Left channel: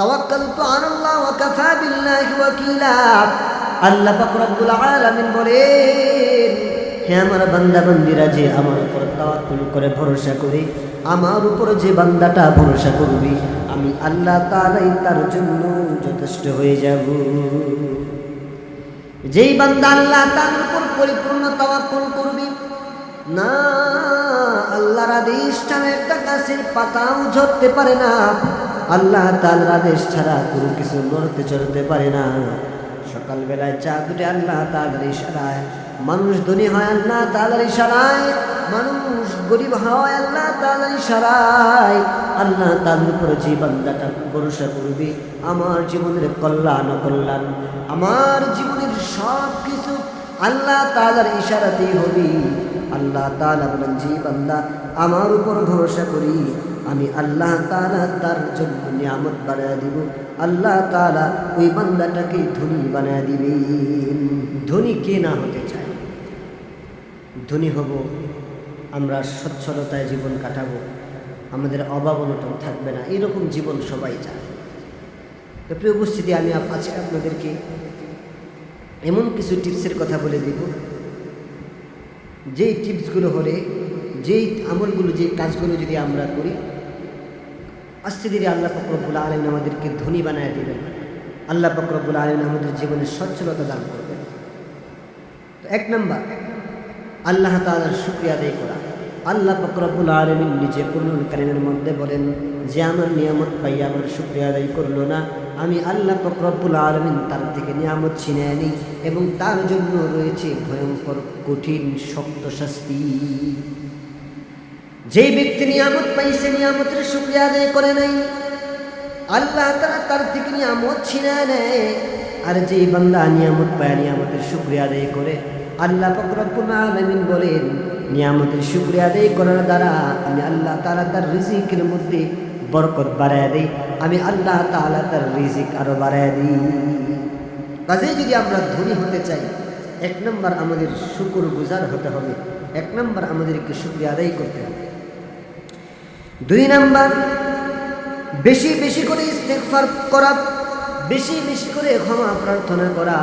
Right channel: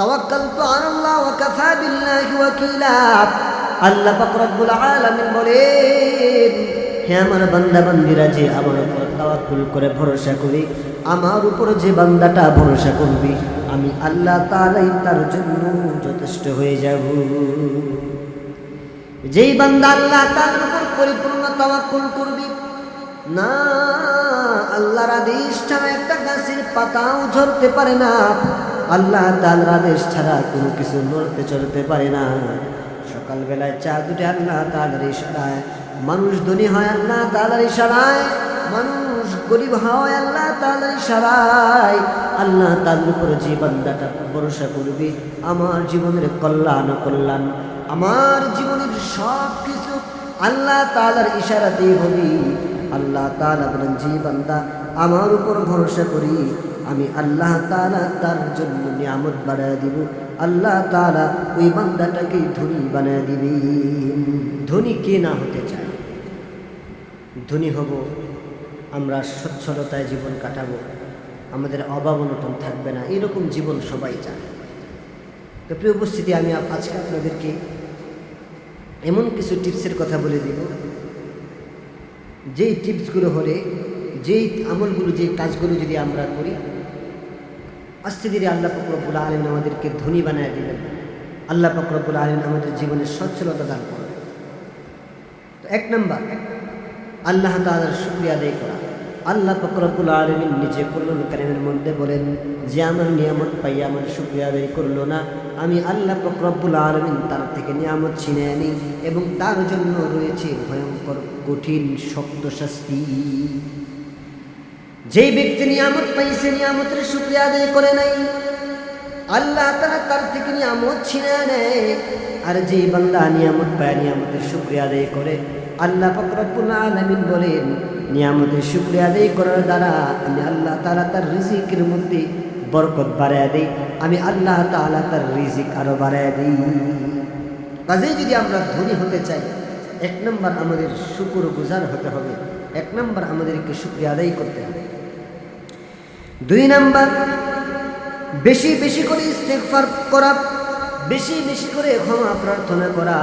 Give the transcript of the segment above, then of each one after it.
তাওয়াক্কালতু আলাল্লাহ ওয়া কাফা বিল্লাহি ওয়াকিলা। আল্লাহ পাক রব্বুল আলামিন বলেন, হে আমার বান্দা, বান্দিরা, যে আমার উপর তাওয়াক্কুল করে ভরসা করে, আমার উপর যে বান্দাটা ভরসা করবি, আমি আল্লাহ তাআলাই তার জন্য যথেষ্ট হয়ে যাব। যেই বান্দা আল্লাহ তাআলার উপর পরিপূর্ণ তাওয়াক্কুল করবি, না, আল্লাহর আদেশ ছাড়া একটা গাছের পাতাও ঝরতে পারে না। আল্লাহ তাআলার আদেশ ছাড়া কোনো কিছু নড়তে চড়তে পারে না। সকালবেলায় চা দুটে আল্লাহ তাআলার ইশারায়। মানুষ ধনী হয় আল্লাহ তাআলার ইশারায়। মানুষ গরিব হয় আল্লাহ তাআলার ইশারায়। আল্লাহ তাআলার উপর যে বান্দাটা ভরসা করবি, আমার জীবনের কল্যাণ কল্যাণ আমার জীবনের সব কিছু আল্লাহ তালার ইশারাতেই হবি। আল্লাহ তালা বলেন, যে বান্দা আমার উপর ভরসা করি আমি আল্লাহ তালা তার জন্য নিয়ামত বাড়ায় দিব। আল্লাহ তালা ওই বান্দাটাকে ধনী বানায় দিবেন। ধনী কে না হতে চায়? ধনী হব, আমরা সচ্ছলতায় জীবন কাটাবো, আমাদের অভাব অনটন থাকবে না, এরকম জীবন সবাই চায়। তো প্রিয় উপস্থিতি, আমি আজকে আপনাদেরকে এমন কিছু টিপসের কথা বলে দিব। যেই টিপসগুলো হলে, যেই আমলগুলো যে কাজগুলো যদি আমরা করি আস্তে ধীরে আল্লাহ ফকরবুল আলমিন আমাদেরকে ধনী বানায় দিবেন। আল্লাহ ফকরবুল আলমিন আমাদের জীবনে সচ্ছলতা দান করবেন। তো এক নম্বর, আল্লাহ তালার শুক্রিয়া আদায় করা। আল্লাহ ফকরবুল আলমিন নিজে করুল কারিমের মধ্যে বলেন, যে আমার নিয়ামত পাই আমার শুক্রিয়া আদায় করল না, আমি আল্লাহ ফকরবুল আলমিন তার থেকে নিয়ামত ছিনিয়ে নিই এবং তার জন্য রয়েছে ভয়ঙ্কর, কঠিন, শক্ত শাস্তি। যেই ব্যক্তি নিয়ামত পাইছে নিয়ামতের শুক্রিয়া আদায় করে নাই আল্লাহ তালা তার থেকে নিয়ামত ছিনে নেয়। আর যে বান্দা নিয়ামত পায়, নিয়ামতের শুক্রিয়া আদায় করে, আল্লাহ ফকরবুল আলমিন বলেন, নিয়ামতের শুক্রিয়া আদায় করার দ্বারা আমি আল্লাহ তালা তার রিজিকের মধ্যে বরকত বাড়ায় দিই, আমি আল্লাহ তালা তার রিজিক আরও বাড়ায় দিই। কাজেই যদি আমরা ধনী হতে চাই, এক নম্বর আমাদের শুকুর গুজার হতে হবে, এক নম্বর আমাদেরকে শুক্রিয়া আদায় করতে হবে। দুই নাম্বার, বেশি বেশি করে ইস্তেগফার করা, বেশি বেশি করে ক্ষমা প্রার্থনা করা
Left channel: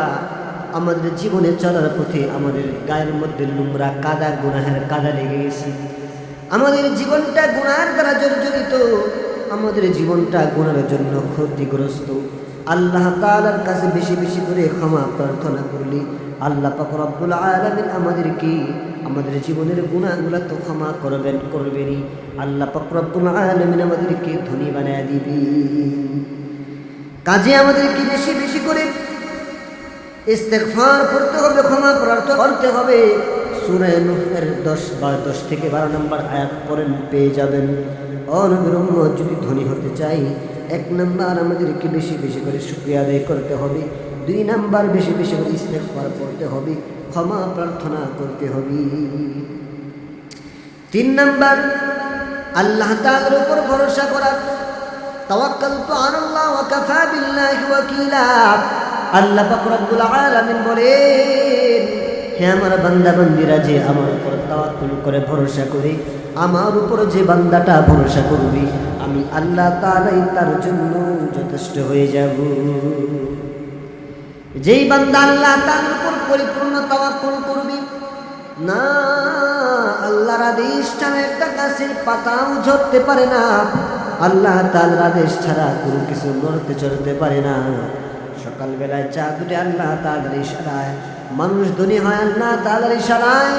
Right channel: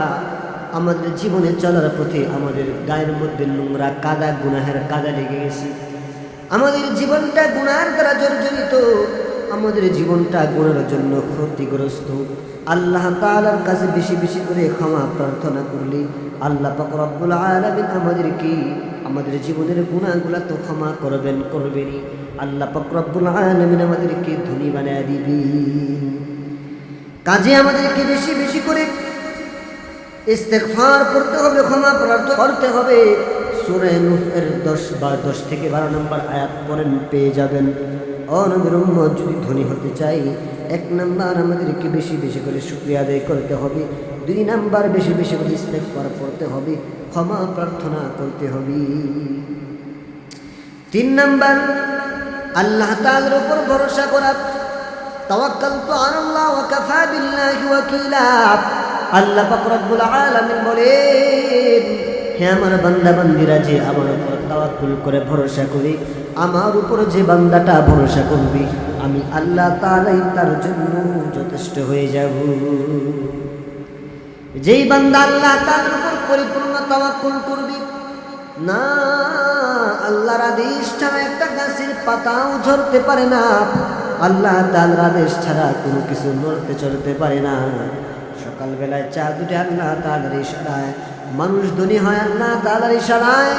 আমাদের জীবনে চলার পথে আমাদের গায়ের মধ্যে নোংরা কাদা, গুনাহের কাদা লেগে গেছি। আমাদের জীবনটা গুনার দ্বারা জর্জরিত, আমাদের জীবনটা গুনার জন্য ক্ষতিগ্রস্ত। আল্লাহ তাআলার কাছে বেশি বেশি করে ক্ষমা প্রার্থনা করলে আল্লাহ পাক রব্বুল আলামিন আমাদেরকে আমাদের জীবনের গুণাগুলা তো ক্ষমা করবেন, করবেনই। আল্লাহ পাক রব্বুল আলামিন আমাদেরকে ধনী বানায় দিবেন। কাজে আমাদেরকে বেশি বেশি করে ইস্তেগফার পড়তে হবে, ক্ষমা প্রার্থনা করতে হবে। সূরা নূহের 10 বা 10 থেকে 12 নম্বর আয়াত পড়েন, পেয়ে যাবেন। অনবীর উম্মত, যদি ধনী হতে চাই, এক নম্বর আমাদেরকে বেশি বেশি করে শুকরিয়া আদায় করতে হবে। দুই নাম্বার বেশি বেশি করে ইস্তেগফার পড়তে হবে, ক্ষমা প্রার্থনা করতে হবে। তিন নাম্বার, আল্লাহ তাআলার উপর ভরসা করা। তাওয়াক্কালতু আলাল্লাহ ওয়া কাফা বিল্লাহি ওয়াকিলা। আল্লাহ পাক রব্বুল আলামিন বলেন, হে আমার বান্দা বান্দিরা যে আমার উপর তাওয়াক্কুল করে ভরসা করে, আমার উপর যে বান্দাটা ভরসা করবি, আমি আল্লাহ তাআলাই তার জন্য যথেষ্ট হয়ে যাব। যেই বান্দা আল্লাহ তাআলার উপর পরিপূর্ণ তাওয়াক্কুল করবি, না, আল্লাহর আদেশ ছাড়া একটা গাছের পাতাও ঝরতে পারে না। আল্লাহ তাআলার আদেশ ছাড়া কোনো কিছু নড়তে চড়তে পারে না। সকালবেলায় চা দুটে আল্লাহ তাআলার ইশারায়, মানুষ ধনী হয় আল্লাহ তাআলার ইশারায়,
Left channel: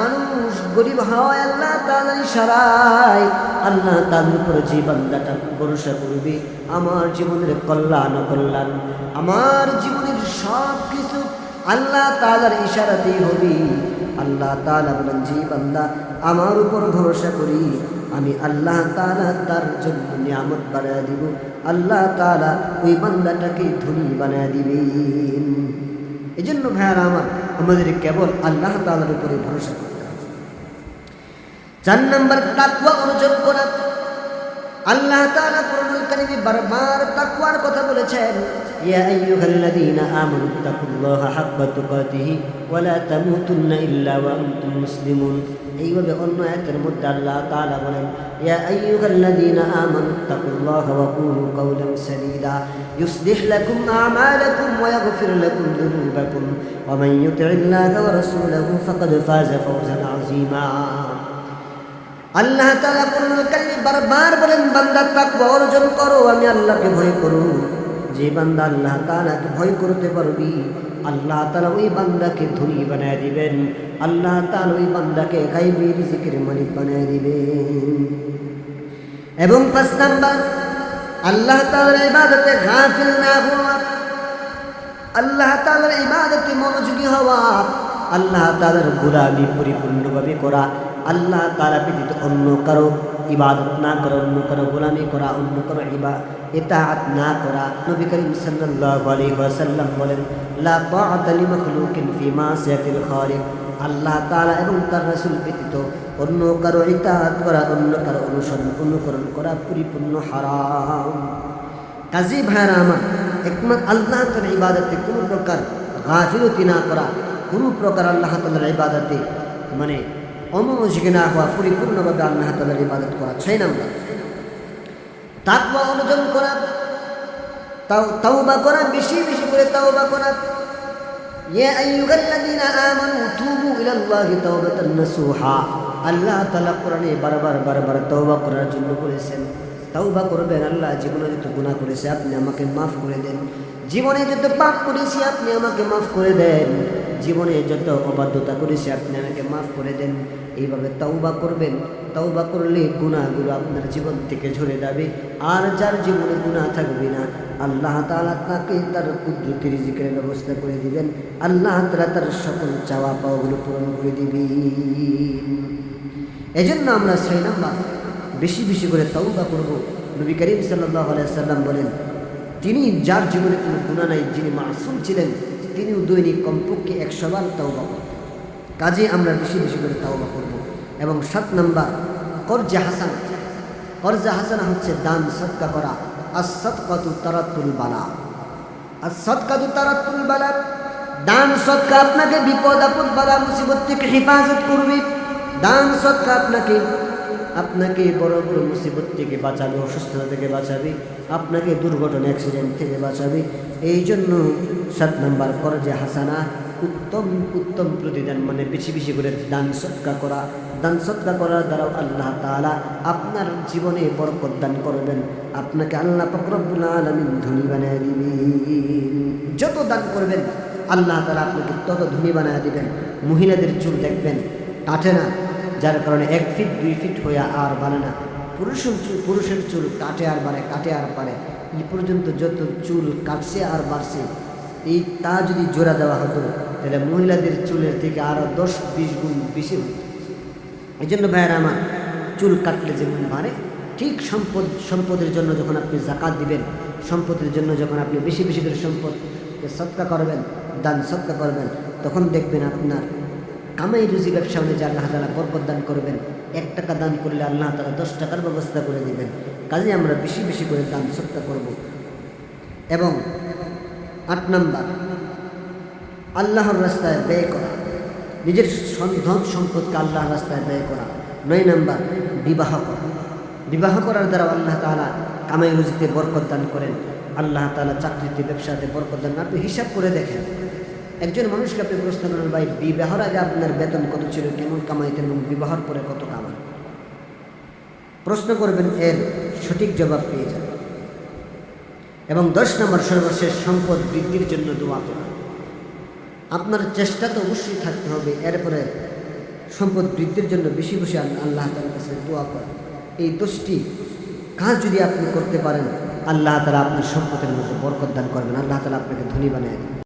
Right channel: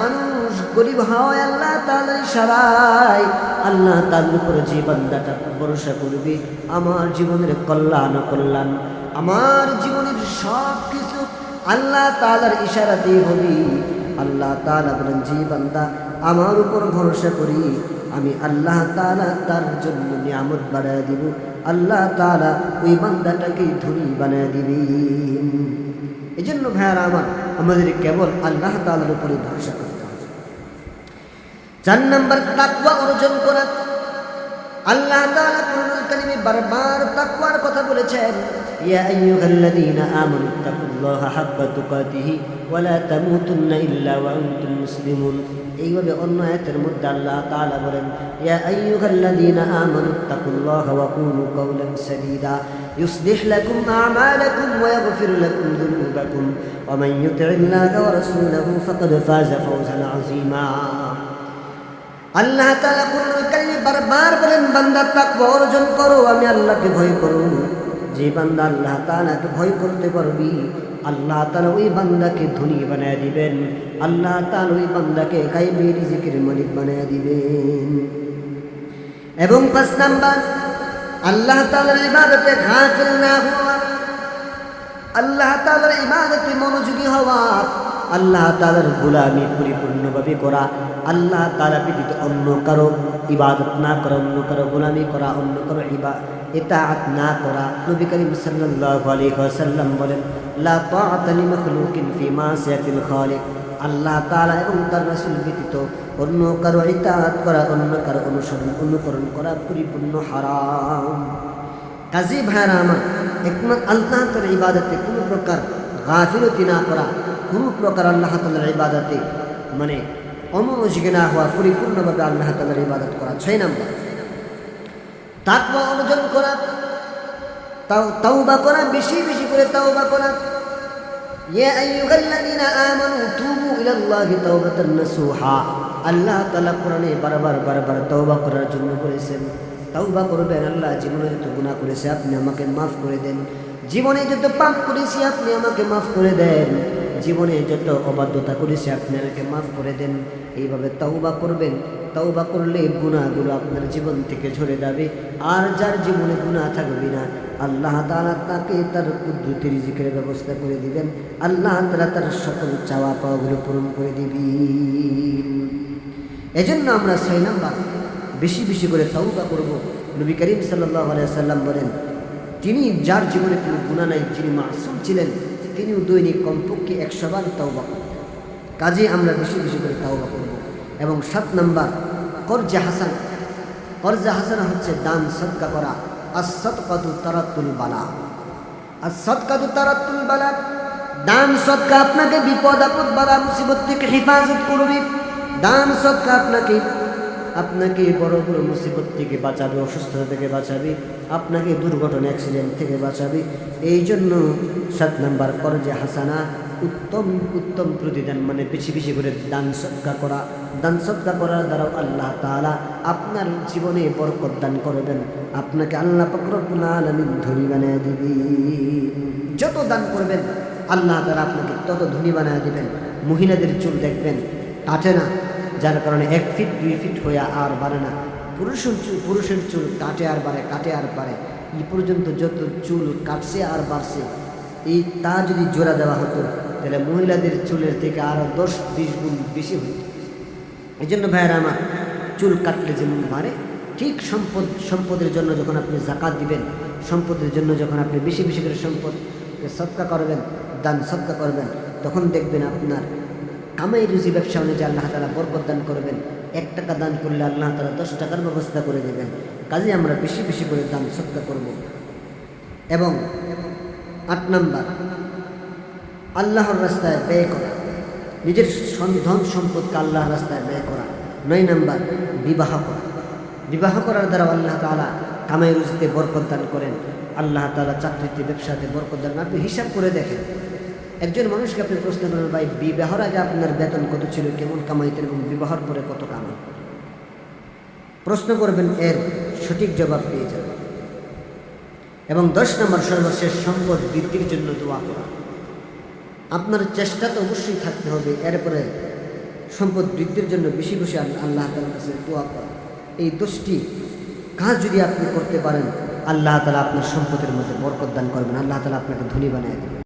মানুষ গরিব হয় আল্লাহ তাআলার ইশারায়। আল্লাহ তাআলার উপর যে বান্দাটা ভরসা করবে, আমার জীবনের কল্যাণ কল্যাণ আমার জীবনের সব কিছু আল্লাহ তালার ইশারাতেই হবি। আল্লাহ তালা বলেন যে বান্দা, আমার উপর ভরসা করি। আমি আল্লাহ তালা তার জন্য নিয়ামত বাড়ায় দিব। আল্লাহ তালা ওই বান্দাটাকে ধনী বানায় দিবেন। এই জন্য ভাইয়ারা আমার, আমাদের কেবল আল্লাহ তালার উপরে ভরসা করতে হবে। চার নম্বর তাকুয়া অর্জন করা। আল্লাহ তাআলা কুরআনুল কারীমে বারবার তাকওয়ার কথা বলেছেন ইয়া আইয়ুহাল্লাযীনা আমানুত্তাকুল্লাহা হাক্কা তুকাতিহি ওয়া লা তামুতুন্না ইল্লা ওয়া আনতুম মুসলিমুন এইভাবে অন্য আয়াতের মধ্যে আল্লাহ তাআলা বলেন ইয়া আইয়ুহাল্লাযীনা আমানুত্তাকুল্লাহা ওয়া কুলু কাওলান সাদীদা يصلح لكم أعمالكم ويغفر لكم ذنوبكم ومن يطع الله ورسوله فقد فاز فوزا عظيما আল্লাহ তাআলা কোরআনুল কারীমে বারবার বলেন, বান্দা তাকওয়া অর্জন করো, আমি আল্লাহকে ভয় করো। যে বান্দা আল্লাহ তাআলাকে ভয় করতে পারবি, আল্লাহ তালা ওই বান্দাকে ধনী বানায় দিবেন। আল্লাহ তাআলা ওই বান্দাকে গায়বী রিজিকের মালিক বানায় দিবেন। এবং পাঁচ নাম্বার, আল্লাহ তালার ইবাদতে গাফিল না হওয়া। আল্লাহ তালার ইবাদতে মনোযোগী হওয়া। আল্লাহ তালার গুলামি পরিপূর্ণভাবে করা। আল্লাহ তাআলা ব্যতীত অন্য কারও ইবাদত না করা, অন্য কারও গোলামি করা, অন্য কারও ইবা, ইতাআত না করা। নবী করিম ওয়াসাল্লাম বলেন আল্লাহ তাআলা এবং তার রাসূল ব্যতীত অন্য কারও ইতাআত করা, অন্য কারও অনুসরণ, অনুকরণ করা পরিপূর্ণ হারাম। কাজী ভাইয়ারা আমার একমাত্র আল্লাহ তালার ইবাদতে কোনো প্রকার গাফিলতি না করা, কোনো প্রকার আল্লাহ তালার ইবাদতে মানে অমনোযোগী না হওয়া, পরিপূর্ণভাবে আল্লাহ তালার ইবাদত করা। ছয় নাম্বার। তাকওয়া অর্জন করা, তাও তাওবা করা, বেশি বেশি করে তাও তাওবা করা। ইয়া আইয়ুহাল্লাযীনা আমানু তুবু ইলাল্লাহি তাওবাতান নাসুহা। আল্লাহ তাআলা কোরআনে বারবার বারবার তওবা করার জন্য বলেছেন, তওবা করবেন, আল্লাহ জীবনে যত গুনাহ করেছে, আপনি আমাকে মাফ করে দেন। জীবনে যত পাপ করেছি, আপনি আমাকে মাফ করে দেন। জীবনে যত অবাধ্যতা করেছি, আপনি আমাকে মাফ করে দেন। এইভাবে তাওবা করবেন, তওবা করলে গুনাহগুলো আপনার জীবন থেকে ঝরে যাবে। আর যার জীবনে গুনাহ থাকবে না, আল্লাহ তাআলা তাকে তার কুদরতি রিজিকের ব্যবস্থা করে দিবেন। আল্লাহ তালা তার সকল চাওয়া পাওয়াগুলো পূরণ করে দিবেন। এজন্য আমরা ছয় নাম্বার বেশি বেশি করে তাওবা করব। নবী করিম সাল্লাল্লাহু আলাইহি সাল্লাম বলেন তিনি যার জীবনে কোনো গুনাহ নাই, যিনি মাসুম ছিলেন, তিনিও দৈনিক কমপক্ষে একশো বার তাওবা করতেন কাজে আমরা বেশি বেশি করে তাওবা করব। এবং সাত নাম্বার, কর্জে হাসান। কর্জে হাসানা হচ্ছে দান সৎকা করা। আসৎকাতু তারাতুল বালা। আসৎকাতু তারাতুল বালা, দান সৎকা আপনাকে বিপদ, আপদ, বালা, মুসিবত থেকে হেফাজত করবে। দান সৎকা আপনাকে আপনাকে বড় বড় মুসিবত থেকে বাঁচাবে, অসুস্থতা থেকে বাঁচাবে, আপনাকে দুর্ঘটনা অ্যাক্সিডেন্ট থেকে বাঁচাবে। এই জন্য সাত নাম্বার, করজে হাসানা উত্তম উত্তম প্রতিদান মানে বেশি বেশি করে দান সৎকা করা। দান সৎকা করার দ্বারাও আল্লাহ তাআলা আপনার জীবনে বরকত দান করবেন। আপনাকে আল্লাহ ফকরবুল আলমিন ধনী বানিয়ে দিবেন। যত দান করবেন, আল্লাহ তাআলা আপনাকে তত ধনী বানিয়ে দিবেন। মহিলাদের চুল দেখবেন, কাটে না। যার কারণে এক ফিট, দুই ফিট হয়ে আর বাড়ে না। পুরুষের চুল পুরুষের চুল কাটে আর বাড়ে, কাটে আর পারে এই পর্যন্ত যত চুল কাটছে আর বাড়ছে, এই তা যদি জোড়া দেওয়া হতো তাহলে মহিলাদের চুলের থেকে আরও দশ, বিশ গুণ বেশি হতো এই জন্য ভাইয়েরা আমার চুল কাটলে যেমন বাড়ে, ঠিক সম্পদ, সম্পদের জন্য যখন আপনি জাকাত দিবেন, সম্পদের জন্য যখন আপনি বেশি বেশি করে সম্পদকে সৎকা করবেন, দান সৎকা করবেন, তখন দেখবেন আপনার কামাই রুজি ব্যবসা অনুযায়ী আল্লাহ তালা বরকত দান করবেন। এক টাকা দান করলে আল্লাহ তালা দশ টাকার ব্যবস্থা করে দিবেন। কাজে আমরা বেশি বেশি করে দান সৎকা করব। এবং আট নাম্বার আল্লাহর রাস্তায় ব্যয় করা। নিজের ধন সম্পদকে আল্লাহর রাস্তায় ব্যয় করা। নয় নাম্বার, বিবাহ করা। বিবাহ করার দ্বারা আল্লাহ তাআলা কামাই রুজিতে বরকত দান করেন। আল্লাহ তাআলা চাকরিতে, ব্যবসাতে বরকত দান আপনি হিসাব করে দেখেন। একজন মানুষকে আপনি প্রশ্ন করেন, ভাই, বিবাহর আগে আপনার বেতন কত ছিল? কেমন কামাইতেন এবং বিবাহর পরে কত কামান? প্রশ্ন করবেন, এর সঠিক জবাব পেয়ে যাবেন। এবং দশ নম্বর সর্বশেষ সম্পদ বৃদ্ধির জন্য দোয়া করা। আপনার চেষ্টা তো অবশ্যই থাকতে হবে। এরপরে সম্পদ বৃদ্ধির জন্য বেশি বেশি আল্লাহ তালার কাছে দোয়া করা। এই দোষটি কাজ যদি আপনি করতে পারেন, আল্লাহ তালা আপনার সম্পদের মধ্যে বরকত দান করবেন। আল্লাহ তালা আপনাকে ধনী বানিয়ে দেবেন।